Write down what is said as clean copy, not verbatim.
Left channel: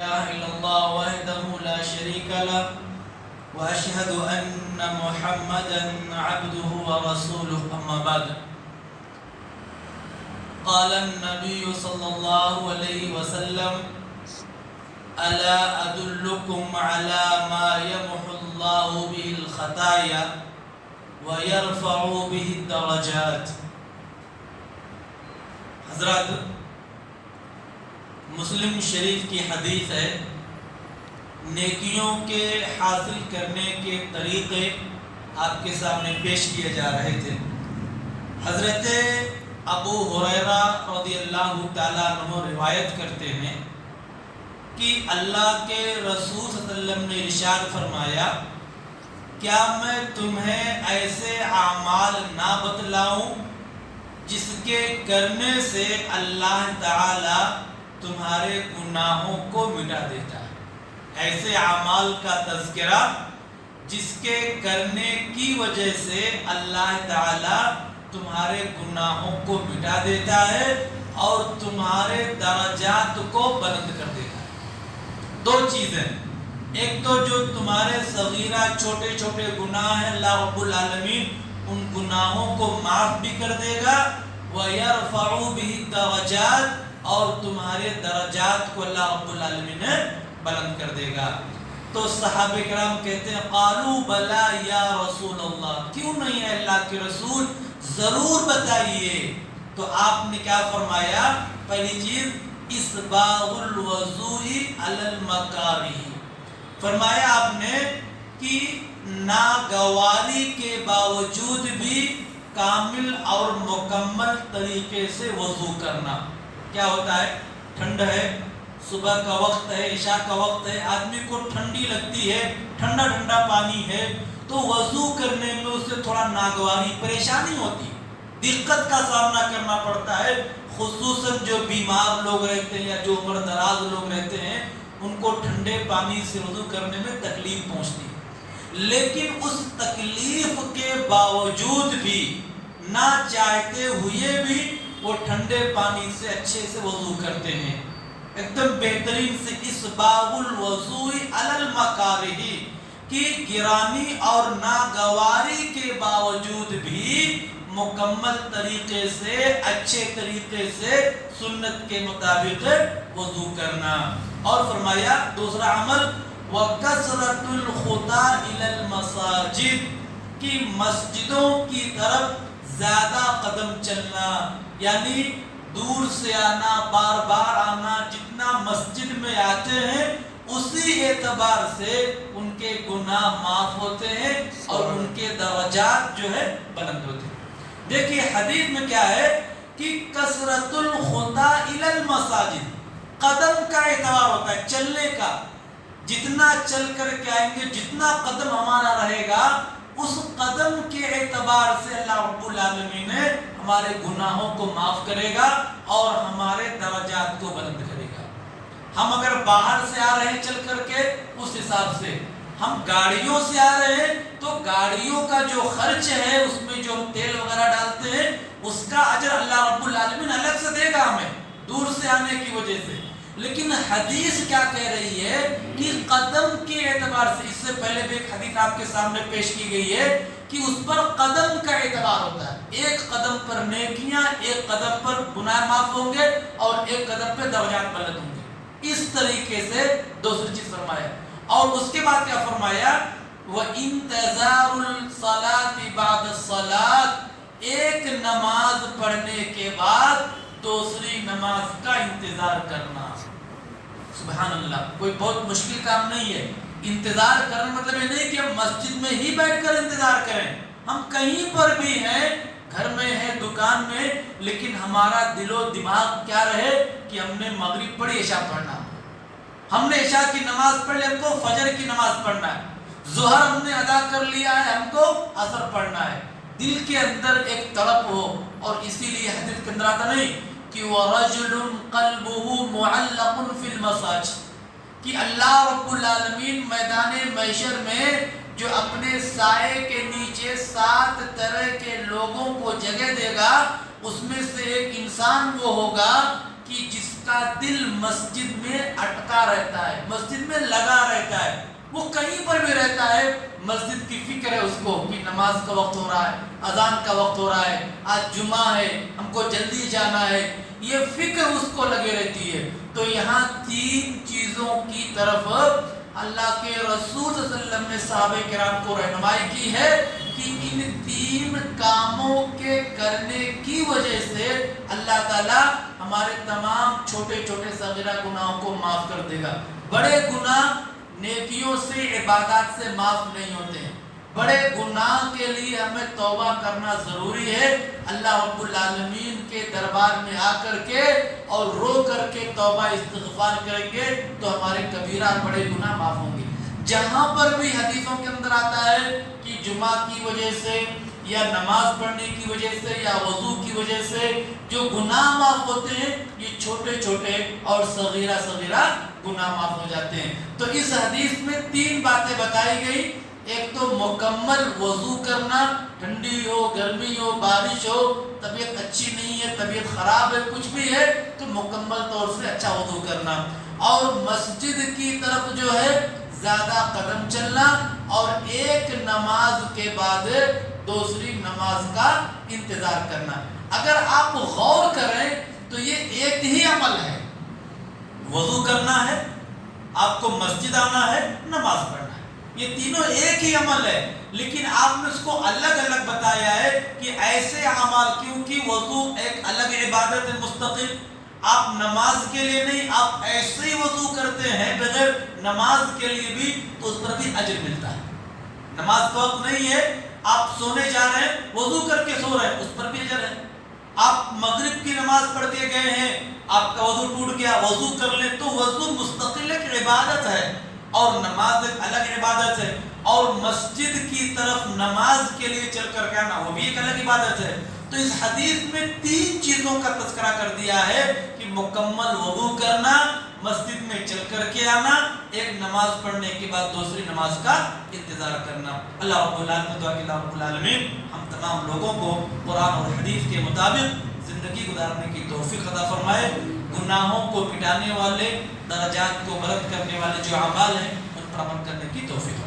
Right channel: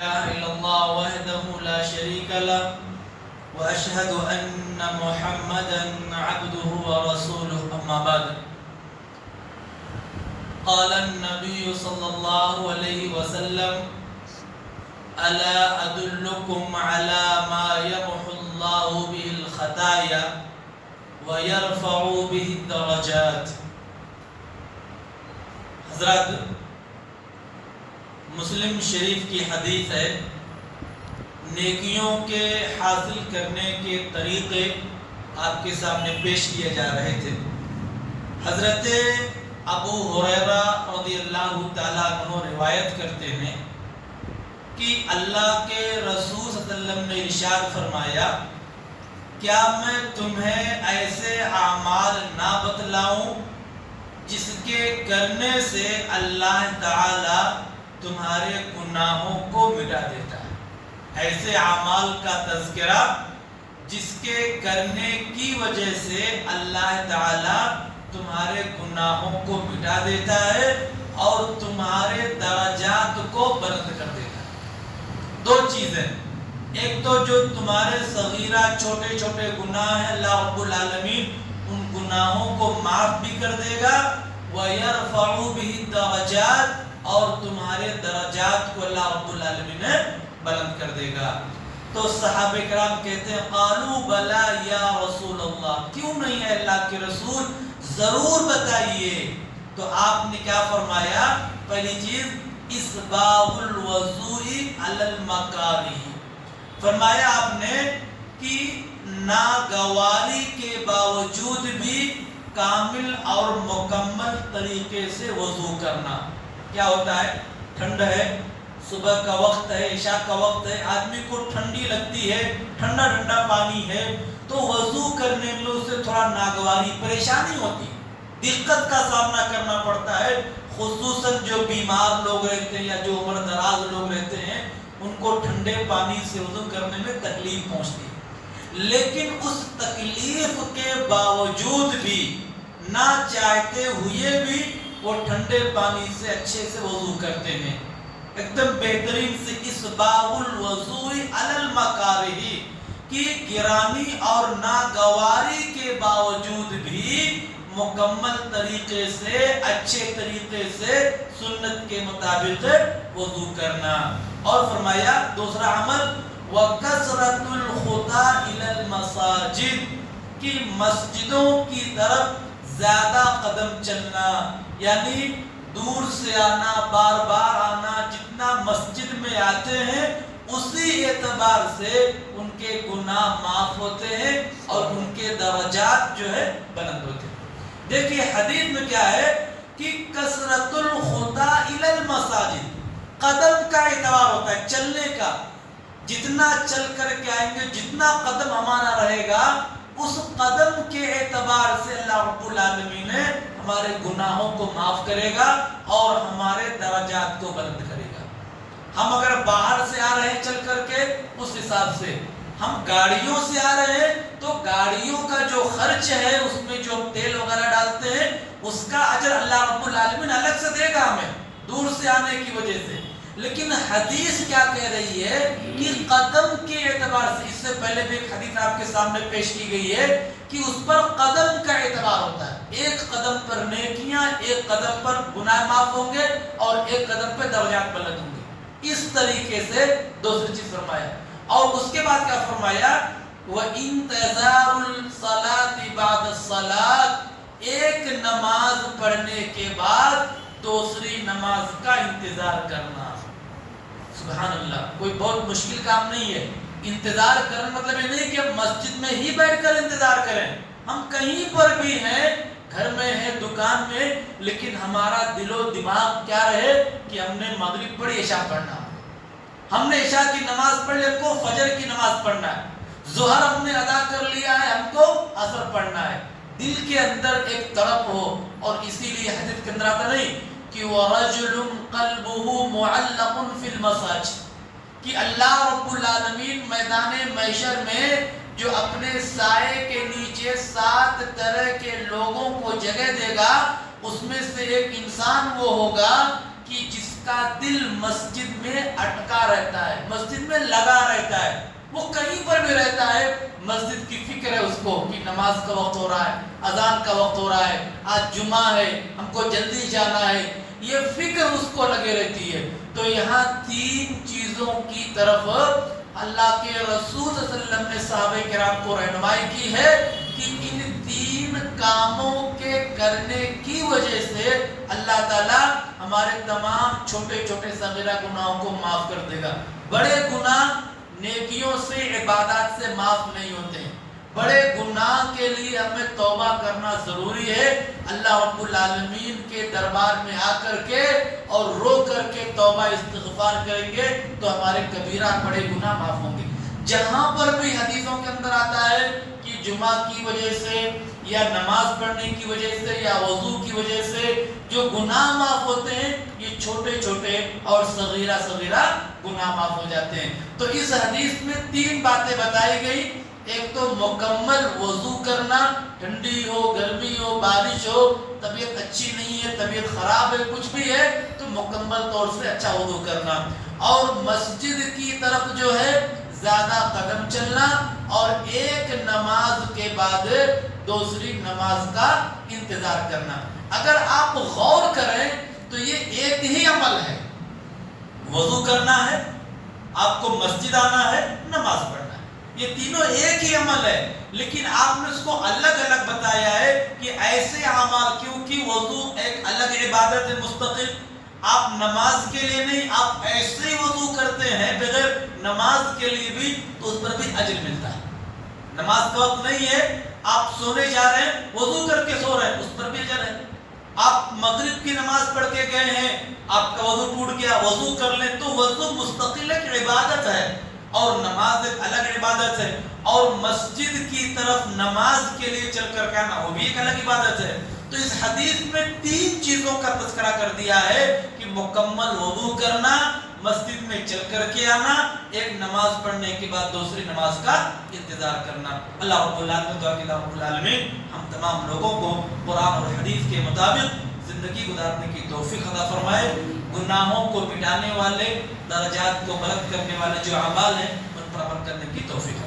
إله إلا الله وحده لا شريك له وأشهد أن محمدا عبده ورسوله أما بعد قال النبي صلى الله عليه وسلم ألا أدلكم على ما يمحو الله به الخطايا ويرفع به الدرجات. حضرات، مسلم شریف کی حدیث ہے، نیکیوں کے حاصل کرنے کے طریقے آپ کے سامنے پیش کیے جا رہے تھے۔ حضرت ابو ہریرہ رضی اللہ تعالیٰ عنہ روایت کرتے ہیں کہ اللہ کے رسول صلی اللہ علیہ وسلم نے ارشاد فرمایا، کیا میں تمہیں ایسے اعمال نہ بتلاؤں جس کے کرنے سے اللہ تعالیٰ تمہارے گناہوں کو مٹا دیتا ہے؟ ایسے اعمال کا تذکرہ جس کے کرنے کی وجہ سے اللہ تعالیٰ تمہارے گناہوں کو مٹا دیتا ہے اور تمہارے درجات کو بلند کر دیتا ہے۔ دو چیزیں، ایک تو جو تمہارے صغیرہ چھوٹے چھوٹے گناہ ہیں، اللہ رب العالمین ان گناہوں کو معاف بھی کر دے گا، وَيَرْفَعُ بِهِ الدَّرَجَاتِ، اور تمہارے درجات کو اللہ رب العالمین بلند کر دے گا۔ تو صحابہ کرام کہتے ہیں، قالوا بلا یا رسول اللہ، کیوں نہیں ہے اللہ کے رسول، ضرور بتائیے۔ تو آپ نے کیا فرمایا؟ پہلی چیز اسباغ الوضوء علی المکارہ، فرمایا آپ نے کہ ناگواری کے باوجود بھی کامل اور مکمل طریقے سے وضو کرنا۔ کیا ہوتا ہے؟ ٹھنڈ ہے، صبح کا وقت ہے، عشاء کا وقت ہے، آدمی کو ٹھنڈی لگتی ہے، ٹھنڈا ٹھنڈا پانی ہے، تو وضو کرنے میں اسے تھوڑا ناگواری پریشانی ہوتی ہے، دقت کا سامنا کرنا پڑتا ہے۔ خصوصاً جو بیمار لوگ رہتے ہیں یا جو عمر دراز لوگ رہتے ہیں، ان کو ٹھنڈے پانی سے وضو کرنے میں تکلیف پہنچتی ہے، لیکن اس تکلیف کے باوجود بھی نہ چاہتے ہوئے بھی وہ ٹھنڈے پانی سے اچھے سے وضو کرتے ہیں، ایک دم بہترین سے۔ اسباغ الوضوء علی المکارہ، کی گرانی اور ناگواری کے باوجود بھی مکمل طریقے سے، اچھے طریقے سے سنت کے مطابق وضو کرنا۔ اور فرمایا دوسرا عمل، وَكَثْرَةُ الْخُطَىٰ إِلَى الْمَسَاجِدِ، کی مسجدوں کی طرف زیادہ قدم چلنا، یعنی دور سے آنا، بار بار آنا، جتنا مسجد میں آتے ہیں اسی اعتبار سے ان کے گناہ معاف ہوتے ہیں اور ان کے درجات جو ہے بلند ہوتے ہیں۔ دیکھیے حدیث میں کیا ہے کہ کثرت الخطیٰ الی المساجد، قدم کا اعتبار ہوتا ہے، چلنے کا، جتنا چل کر کے آئیں گے، جتنا قدم ہمارا رہے گا، اس قدم کے اعتبار سے اللہ رب العالمین ہمارے گناہوں کو معاف کرے گا اور ہمارے درجات کو بلند کرے گا۔ ہم اگر باہر سے آ رہے ہیں چل کر کے، اس حساب سے، ہم گاڑیوں سے آ رہے ہیں تو گاڑیوں کا جو خرچ ہے، اس میں جو تیل وغیرہ ڈالتے ہیں، اس کا اجر اللہ رب العالمین الگ سے دے گا ہمیں، دور سے آنے کی وجہ سے۔ لیکن حدیث کیا کہہ رہی ہے کہ قدم کے اعتبار سے، اس سے پہلے بھی ایک حدیث آپ کے سامنے پیش کی گئی ہے کہ اس پر قدم کا اعتبار ہوتا ہے، ایک قدم پر نیکیاں، ایک قدم پر گناہ معاف ہوں گے اور ایک قدم پہ درجات بلند ہوں گے۔ اس طریقے سے دوسری چیز فرمایا، اور اس کے بعد کیا فرمایا؟ وَإِنْتِظَارُ الصَّلَاةِ بَعْدَ الصَّلَاةِ، ایک نماز پڑھنے کے بعد دوسری نماز کا انتظار کرنا۔ سبحان اللہ، کوئی بہت مشکل کام نہیں ہے۔ انتظار کرنا مطلب یہ نہیں کہ ہم مسجد میں ہی بیٹھ کر انتظار کریں، ہم کہیں پر بھی ہیں، گھر میں ہیں، دکان میں، لیکن ہمارا دل و دماغ کیا رہے کہ ہم نے مغرب پڑھی، عشاء پڑھنا ہے، ہم نے عشاء کی نماز پڑھ لی، ہم کو فجر کی نماز پڑھنا ہے، ظہر ہم نے ادا کر لیا ہے، ہم کو عصر پڑھنا ہے۔ دل کے اندر ایک تڑپ ہو، اور اسی لیے حدیث کے اندر آتا نہیں کہ وَرَجُلٌ قَلْبُهُ مُعَلَّقٌ فِي الْمَسَاجِدِ، کہ اللہ رب العالمین میدان محشر میں جو اپنے سائے کے نیچے 7 طرح کے لوگوں کو جگہ دے گا، اس میں سے ایک انسان وہ ہوگا کہ جس کا دل مسجد میں اٹکا رہتا ہے، مسجد میں لگا رہتا ہے، وہ کہیں پر بھی رہتا ہے، مسجد کی فکر ہے اس کو کہ نماز کا وقت ہو رہا ہے، اذان کا وقت ہو رہا ہے، آج جمعہ ہے، ہم کو جلدی جانا ہے، یہ فکر اس کو لگے رہتی ہے۔ تو یہاں تین چیزوں کی طرف اللہ کے رسول صلی اللہ علیہ وسلم نے صحابہ کرام کو رہنمائی کی ہے کہ ان تین کاموں کے کرنے کی وجہ سے اللہ تعالیٰ ہمارے تمام چھوٹے چھوٹے صغیرہ گناہوں کو معاف کر دے گا۔ بڑے گناہ نیکیوں سے، عبادات سے معاف نہیں ہوتے ہیں، بڑے گناہ کے لیے ہمیں توبہ کرنا ضروری ہے۔ اللہ رب العالمین کے دربار میں آ کر کے اور رو کر کے توبہ استغفار کریں گے تو ہمارے کبیرہ بڑے گناہ معاف ہوں گے۔ جہاں پر بھی حدیثوں کے اندر آتا ہے کہ جمعہ کی وجہ سے یا نماز پڑھنے کی وجہ سے یا وضو کی وجہ سے جو گناہ معاف ہوتے ہیں، یہ چھوٹے چھوٹے اور صغیرہ صغیرہ گناہ معاف ہو جاتے ہیں۔ تو اس حدیث میں تین باتیں بتائی گئی۔ ایک تو مکمل وضو کرنا، ٹھنڈی ہو، گرمی ہو، بارش ہو، طبیعت اچھی نہیں ہے، طبیعت خراب ہے، کچھ بھی ہے تو مکمل طور سے اچھا وضو کرنا، اور مسجد کی طرف جو ہے زیادہ قدم چلنا، اور ایک نماز کے بعد دوسری نماز کا انتظار کرنا۔ اگر آپ غور کریں تو یہ ایک ہی عمل ہے، وضو کرنا ہے، آپ کو مسجد آنا ہے، نماز پڑھنا ہے، یہ تینوں ایک ہی عمل ہے، لیکن آپ نے اس کو الگ الگ بتایا ہے کہ ایسے اعمال، کیونکہ وضو ایک الگ عبادت ہے مستقل، آپ نماز کے لیے نہیں، آپ ایسے ہی وضو کرتے ہیں بغیر نماز کے لیے بھی تو اس پر بھی اجر ملتا ہے۔ نماز کا وقت نہیں ہے، آپ سونے جا رہے ہیں، وضو کر کے سو رہے ہیں، اس پر بھی اجر ہے۔ آپ مغرب کی نماز پڑھ کے گئے ہیں، آپ کا وضو ٹوٹ گیا، وضو کر لیں، تو وضو مستقل ایک عبادت ہے اور نماز ایک الگ عبادت ہے، اور مسجد کی طرف نماز کے لیے چل کر کے آنا وہ بھی ایک الگ عبادت ہے۔ تو اس حدیث میں تین چیزوں کا تذکرہ کر دیا ہے کہ مکمل وضو کرنا، مسجد میں چل کر کے آنا، ایک نماز پڑھنے کے بعد دوسری نماز کا انتظار کرنا۔ اللہ رب العالمین ہم تمام لوگوں کو قرآن اور حدیث کے مطابق زندگی گزارنے کی توفیق عطا فرمائے۔ گناہوں کو مٹانے والے، درجات کو بلند کرنے والے جو اعمال ہیں ان پر عمل کرنے کی توفیق